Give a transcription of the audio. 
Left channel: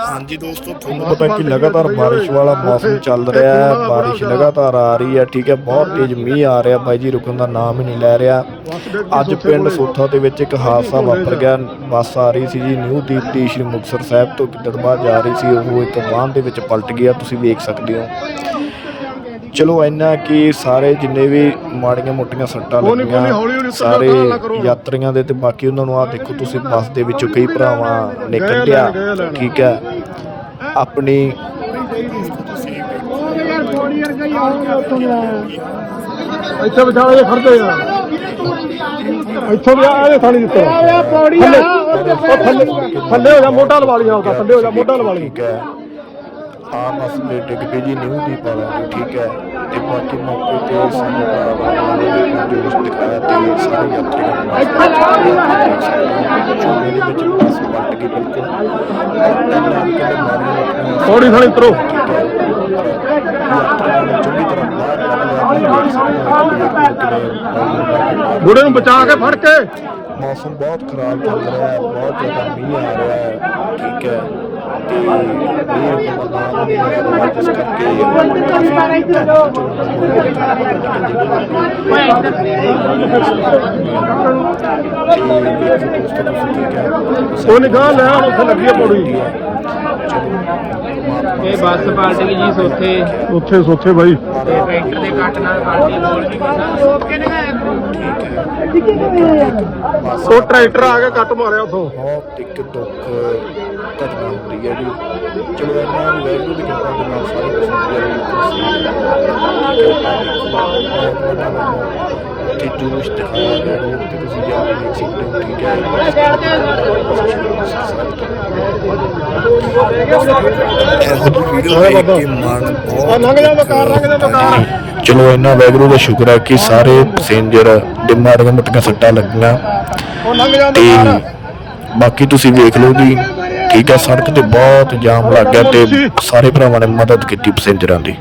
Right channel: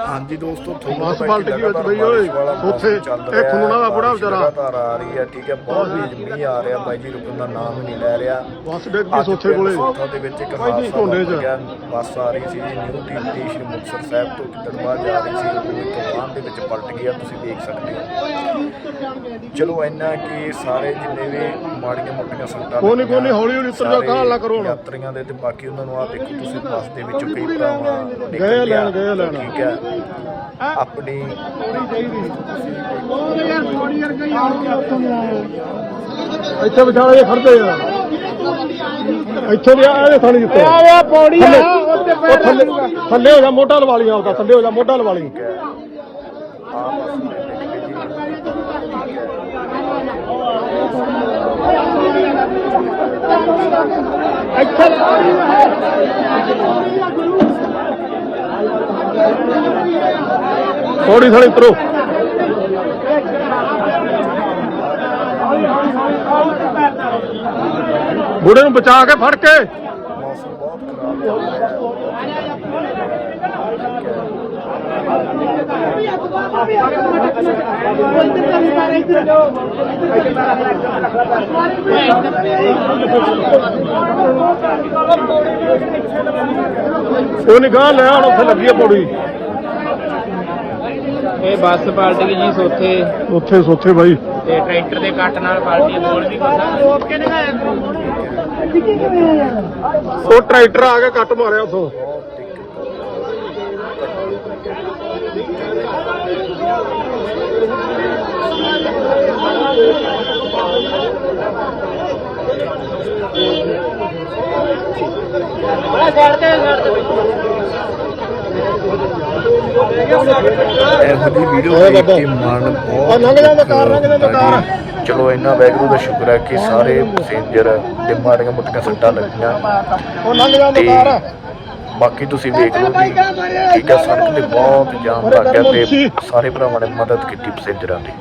ਹਾਂਜੀ ਦੋਸਤੋ ਤੁਹਾਨੂੰ ਪਤਾ ਕਿ ਲਗਾਤਾਰ ਬਾਰਿਸ਼। ਵਾਲਾ ਮੌਸਮ ਚੱਲ ਰਿਹਾ ਹੈ ਬਾਰਿਸ਼। ਲਗਾਤਾਰ ਆ ਰਹੀ ਹੈ ਠੀਕ ਹੈ ਬਹੁਤ ਤੇਜ਼ ਮੀਂਹ ਆ ਰਿਹਾ ਬਾਈ ਜੀ ਰੁਕਣ ਦਾ ਨਾਮ ਹੀ ਨਹੀਂ ਲੈ ਰਿਹਾ ਅੱਜ ਸੋਥੇ ਪਿੰਡ ਕੋਲੇ ਸੋਥਾ ਦੇ ਵਿੱਚ ਇੱਕ ਹਾਦਸਾ। ਵਾਪਰ ਗਿਆ ਬੱਸ ਆ ਰਹੀ ਸੀ ਜੀ ਨਿਊ ਦੀਪਤੀ ਸ਼੍ਰੀ ਮੁਕਤਸਰ ਸਾਹਿਬ ਤੋਂ ਕਿਦਰਬਾਦ ਜਾ ਰਹੀ ਸੀ ਉਹ ਇੱਕ ਵਾਹਨ ਦੇ ਵਿੱਚ ਪਲਟ ਗਿਆ ਤੁਸੀਂ ਵੇਖ ਸਕਦੇ ਹੋ ਚਲੋ ਇੰਨਾ ਕਿ ਸਾਰੇ ਜਿੰਨੇ ਵੀ ਮਾੜੀਆਂ ਮੋਟੀਆਂ ਸੱਟਾਂ ਕੋਈ ਨੀ, ਕੋਈ ਨੀ, ਲੱਗੀਆਂ, ਹੌਲੀ ਹੌਲੀ ਉੱਤਰ ਜਾਓ, ਨਾ ਕਰੋ ਹੁਣ। ਯਾਤਰੀਆਂ ਦੇ ਤੇ ਬਾਕੀ ਉਹਨਾਂ ਨੂੰ ਆ ਦੇਖੋ ਤੁਸੀਂ ਬੱਸ ਦੇ ਵਿੱਚੋਂ ਕਈ ਭਰਾਵਾਂ ਗਏ ਨਿਕਲ ਲੈਣ, ਗਿਆ ਲੈਣ। ਠੀਕ ਹੈ। ਆਪਣੀ ਇੱਥੇ ਵਿਚਾਲੇ ਜੇ ਖੜਦੇ ਯਾਰ। ਇੱਥੋਂ ਵੀ ਆ ਇਹ ਥਾਣੀ ਦਿੱਤਾ ਆ ਪੌੜੀ ਥੱਲੇ ਉਹ ਥੱਲੇ ਥੱਲੇ ਹੋ ਜਾ ਮੋਢਾ ਲਵਾ ਲਈ ਆਪਦਾ ਥੱਲੇ ਹੋ ਜਾ ਮੋਢਾ ਲਵਾ ਲਈ। ਪੌੜੀ ਥਾਣੀ ਉਤਰੋ ਬੁੜੇ ਨੂੰ ਬਚਾ ਕੇ ਫੜ ਕੇ। ਮੌਸਮ ਬਹੁਤ ਖਰਾਬ ਹੈ ਰਿਹਾ ਹੈ, ਠੀਕ ਹੈ ਕੋਈ ਨਿਗਾਹ ਲੈ ਹੁਣ ਉੱਥੇ ਲੱਗੀ ਆ ਪੌੜੀ। ਇਹ ਬੱਸ ਪਾਰਟੀ ਜੀ ਸੋਥੇ। ਉੱਥੇ ਸੋਥੇ ਬਾਈ। ਤੇ ਟਰੈਕਟਰ ਦੇ ਕੱਟ ਨਾਲ ਪਾਰਟੀ ਬੋਲ ਵੀ ਕੁਛ ਉਹ ਟਰੈਕਟਰ ਆ ਕੇ ਕੱਟ ਮਾਰਿਆ ਉਥੋਂ। ਇਹੋ ਜਿਹੀ ਵੀਡੀਓ ਦੇਖ ਕੇ ਮਨ ਬਹੁਤ ਆ ਲੰਘ ਜਾਂਦਾ ਕਾਰ, ਲੰਘ ਜਾਂਦਾ ਦੁੱਖ ਕਾਰ। ਹੁੰਦਾ ਜੀ। ਚਲੋ ਇਹਨਾਂ ਵਾਹਿਗੁਰੂ ਦਾ ਸ਼ੁਕਰ ਹੈ ਕਿ ਸਾਰੇ ਪੈਸੇਂਜਰ ਦੇ ਮਾਰੀਆਂ ਮੋਟੀਆਂ ਸੱਟਾਂ ਲੱਗੀਆਂ ਉਹ ਲੰਘ ਜਾਂਦਾ ਕਾਰ ਬਾਕੀ ਤੁਸੀਂ ਵੇਖ ਲਓ ਜੀ ਠੀਕ ਹੈ ਸੜਕ ਤੇ ਬਹੁਤ ਜਾਮ ਲੱਗ ਗਿਆ ਤੇ ਸਾਰੇ ਭਰਾਵਾਂ ਨੇ ਮਦਦ ਕੀਤੀ ਪੈਸੇਂਜਰਾਂ ਦੀ।